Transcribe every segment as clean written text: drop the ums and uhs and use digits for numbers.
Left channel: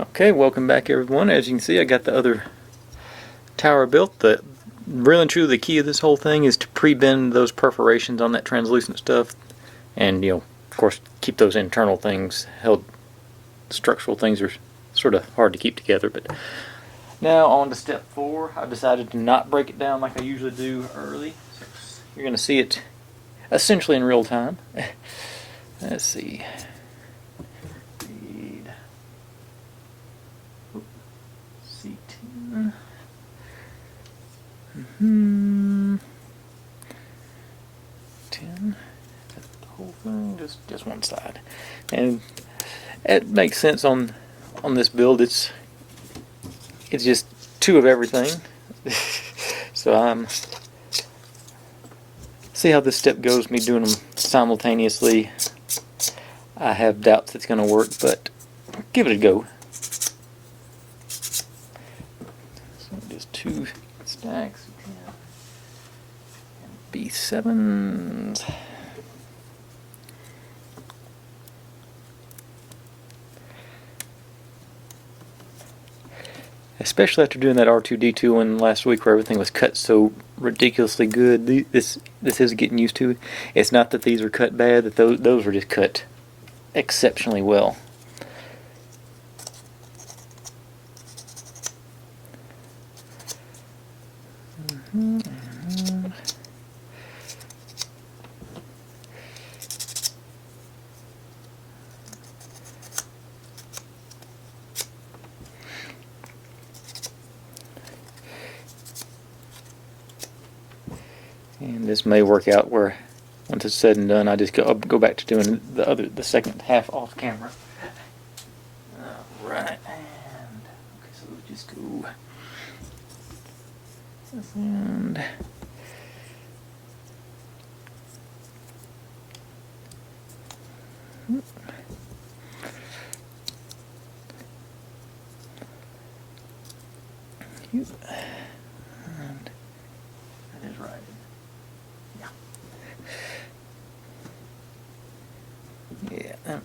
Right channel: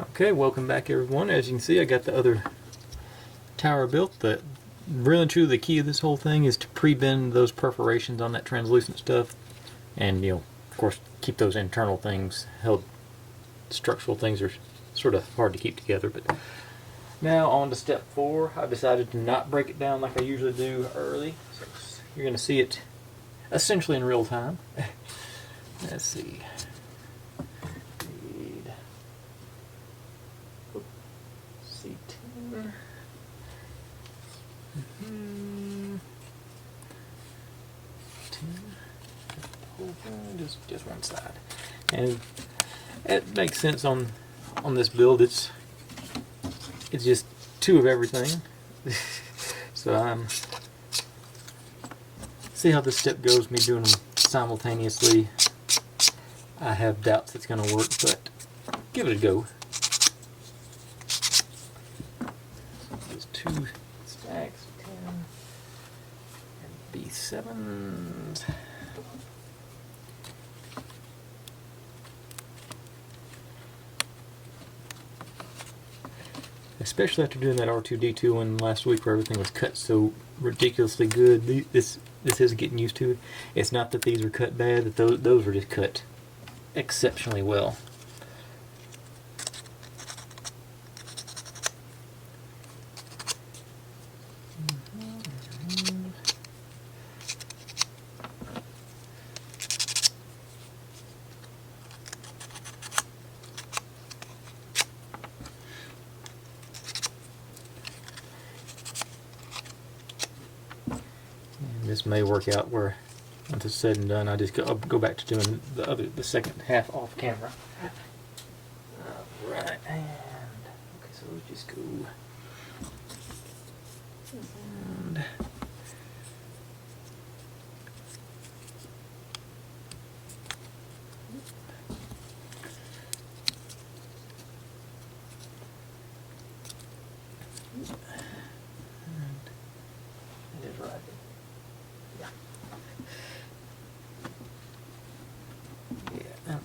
Okay, welcome back everyone. As you can see, I got the other tower built. The really and truly the key of this whole thing is to pre-bend those perforations on that translucent stuff, and of course, keep those internal things held. Structural things are sort of hard to keep together. But now on to step 4. I decided to not break it down like I usually do early, so you're going to see it essentially in real time. Let's see. C10. Mm-hmm. 10. The whole thing, just one side, and it makes sense on this build. It's just 2 of everything. So see how this step goes. Me doing them simultaneously, I have doubts it's going to work, but give it a go. Just 2 stacks, 10 and B7s. Especially after doing that R2D2 one last week where everything was cut so ridiculously good. This is getting used to it. It's not that these are cut bad, that those were just cut exceptionally well. And this may work out where, once it's said and done, I just go back to doing the second half off camera. Alright, and okay, so let's just go. And that is right. Yeah. Yeah.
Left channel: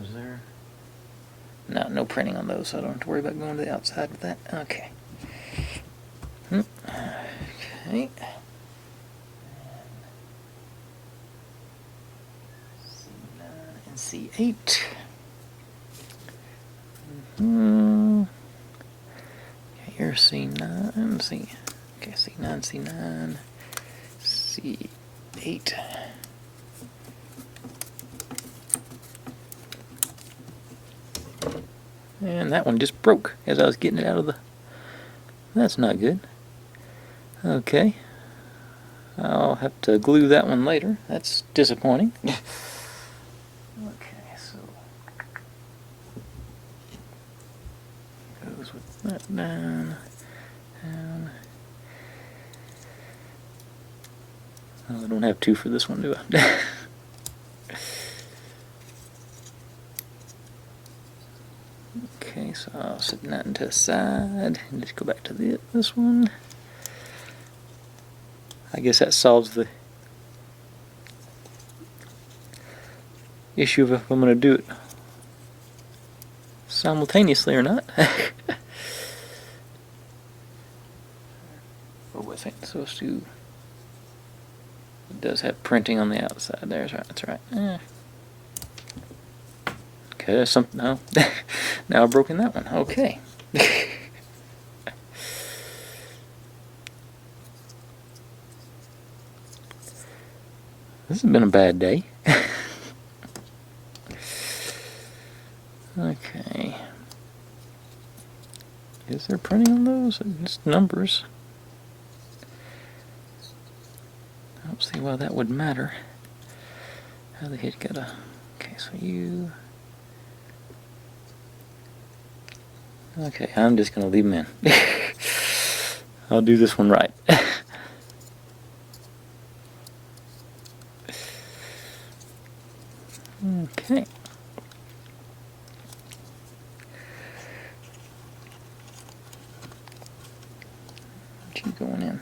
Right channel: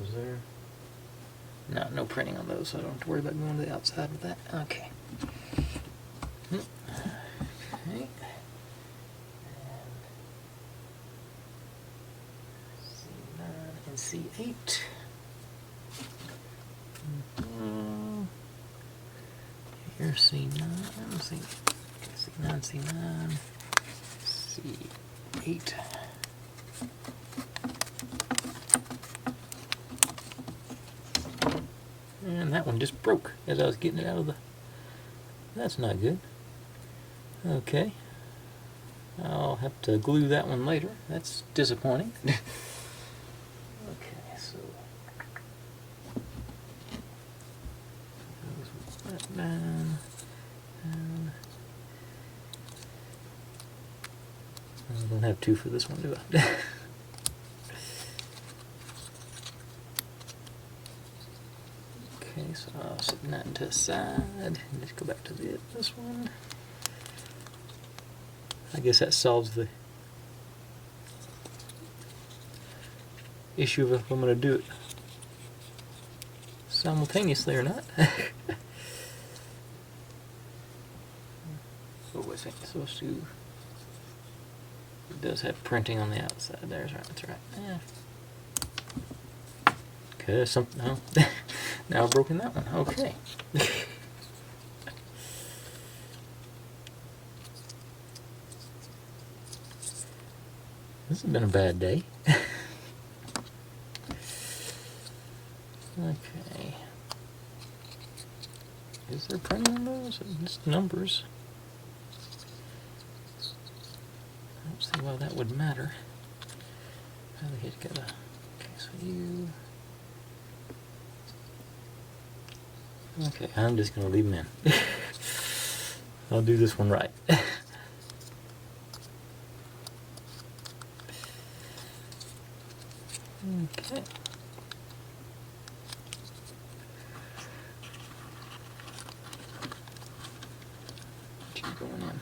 Was there? No printing on those, so I don't have to worry about going to the outside with that. Okay. Okay. C9 and C8. Here's C9, C9, C9, C8. And that one just broke as I was getting it out of the... That's not good. Okay. I'll have to glue that one later. That's disappointing. Okay, so... goes with that down. I don't have 2 for this one, do I? Okay, so I'll set that into the side and just go back to this one. I guess that solves the issue of if I'm going to do it simultaneously or not. Oh, I think so too. It does have printing on the outside. There's right. That's right. Yeah. Okay, there's something. Oh, now I've broken that one. Okay. This has been a bad day. Okay. Is there printing on those? Just numbers. I don't see why that would matter. How the heck got a... Okay, so you... Okay, I'm just going to leave them in. I'll do this one right. Okay. Keep going in.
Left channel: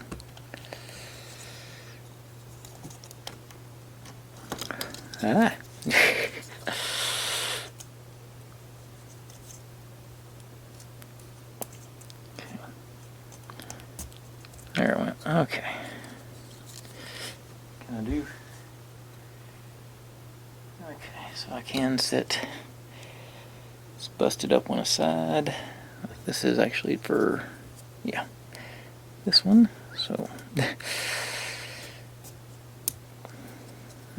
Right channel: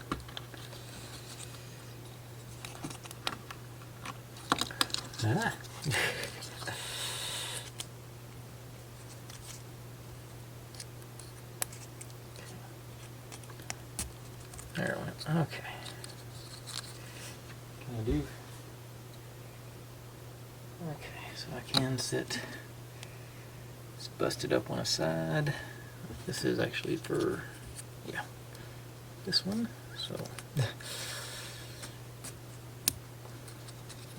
Ah. Okay. Can I do? Okay, so I can set. It's busted up on a side. This is actually for, yeah, this one. So,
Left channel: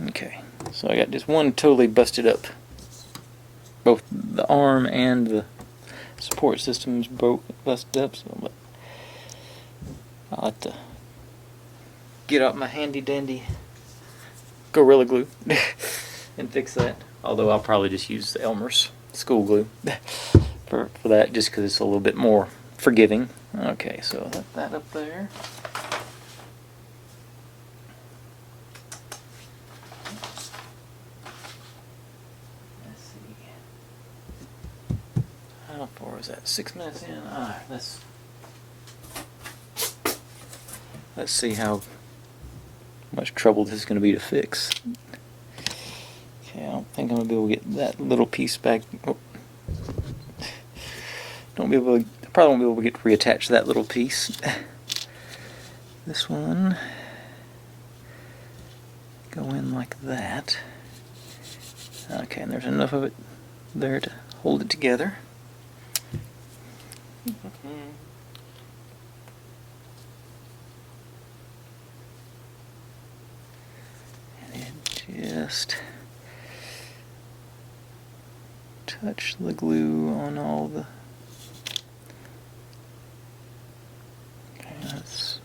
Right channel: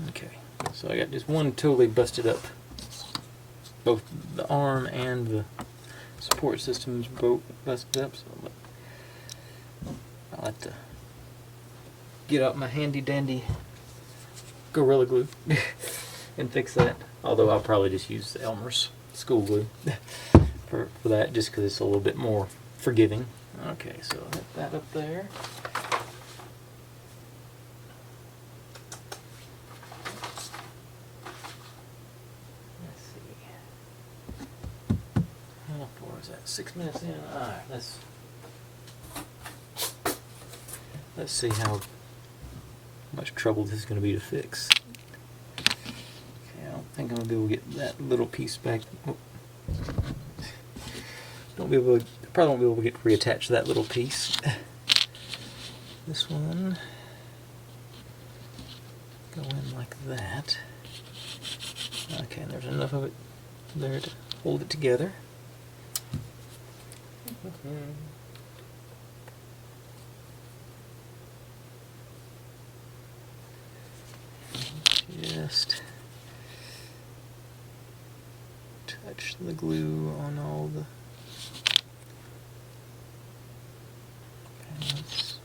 okay. So I got just one totally busted up. Both the arm and the support systems both busted up. So I like to get out my handy dandy Gorilla Glue and fix that. Although I'll probably just use the Elmer's school glue for that, just because it's a little bit more forgiving. Okay, so let that up there. Let's see. How far is that? 6 minutes in. Alright, let's see how much trouble this is going to be to fix. Okay, I don't think I'm going to be able to get that little piece back. Oh. Probably won't be able to get reattach that little piece. This one go in like that. Okay, and there's enough of it there to hold it together. And just touch the glue on all the. Okay, that's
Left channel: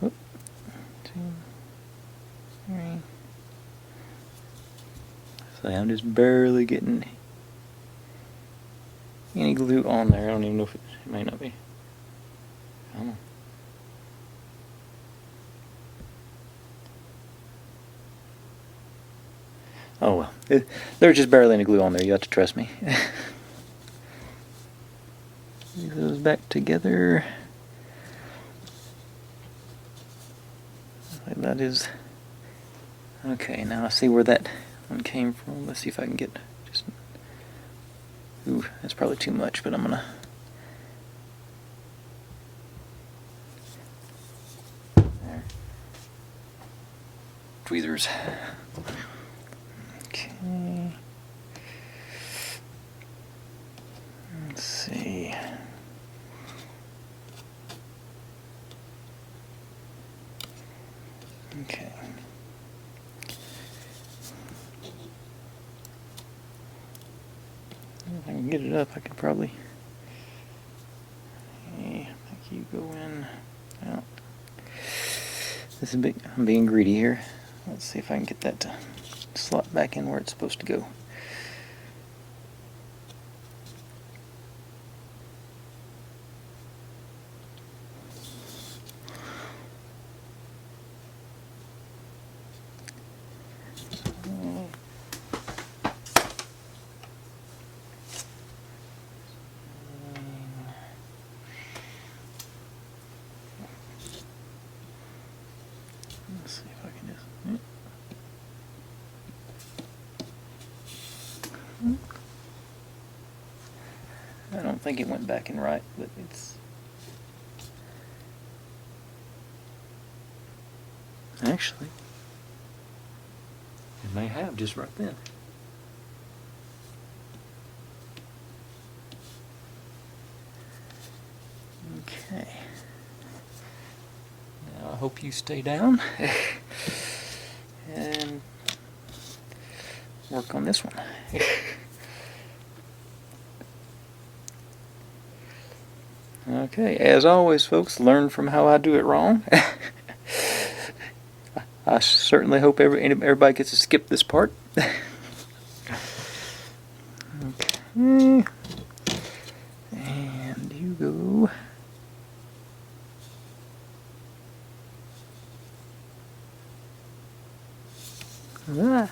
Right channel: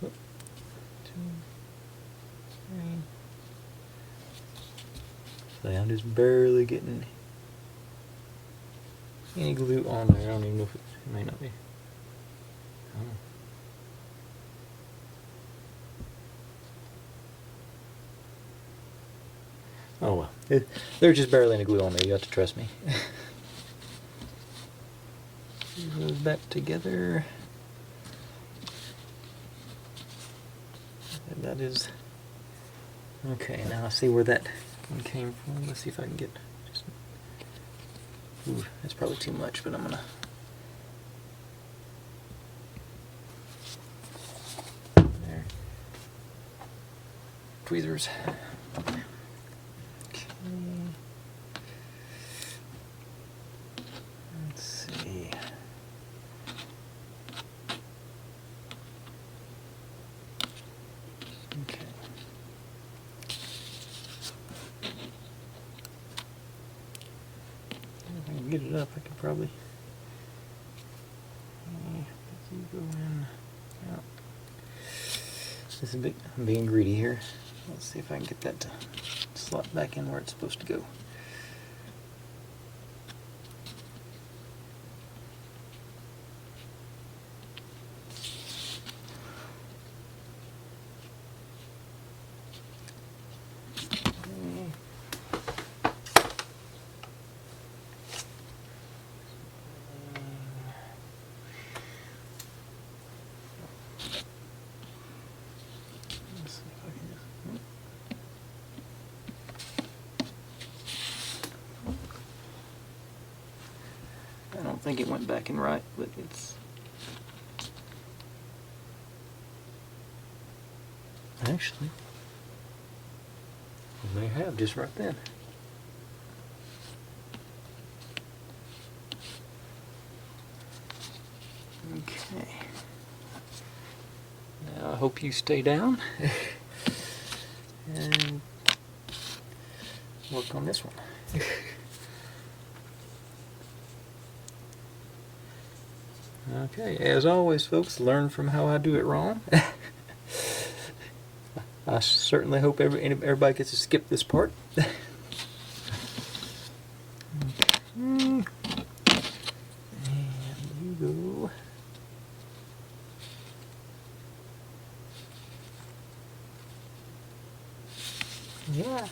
1, 2, 3. So I'm just barely getting any glue on there. I don't even know if it may not be. I don't know. Oh well, there's just barely any glue on there. You have to trust me. Get those back together. Like that is okay. Now I see where that one came from. Let's see if I can get just. Ooh, that's probably too much, but I'm gonna. There. Tweezers. Okay. Let's see. Okay. If I can get it up, I could probably. Okay, you go in. This is big. I'm being greedy here. Let's see if I can get that to slot back in where it's supposed to go. Let's see if I can just. I don't think it went back in right, but it's. Actually, it may have just right then. Okay. Now I hope you stay down and work on this one. Okay, as always, folks, learn from how I do it wrong. I certainly hope everybody gets to skip this part. Okay. And you go. Ah.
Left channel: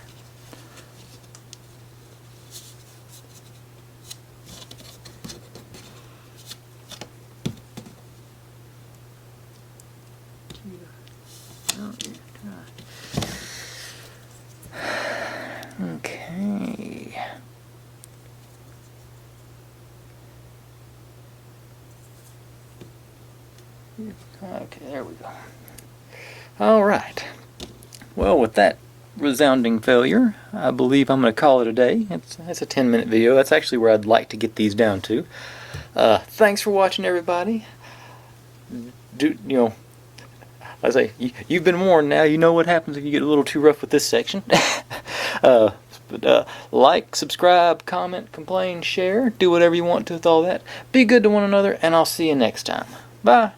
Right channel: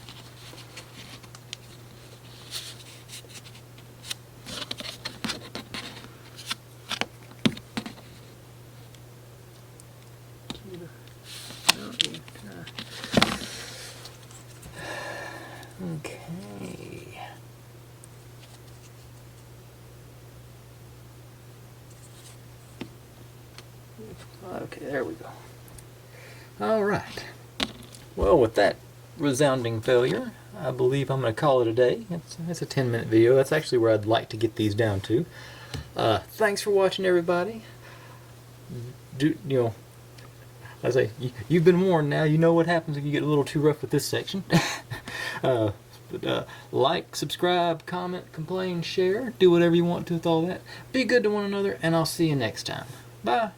Okay. Okay, there we go. All right. Well, with that resounding failure, I believe I'm going to call it a day. It's a 10-minute video. That's actually where I'd like to get these down to. Thanks for watching, everybody. I say, you've been warned now. You know what happens if you get a little too rough with this section. Like, subscribe, comment, complain, share. Do whatever you want to with all that. Be good to one another, and I'll see you next time. Bye.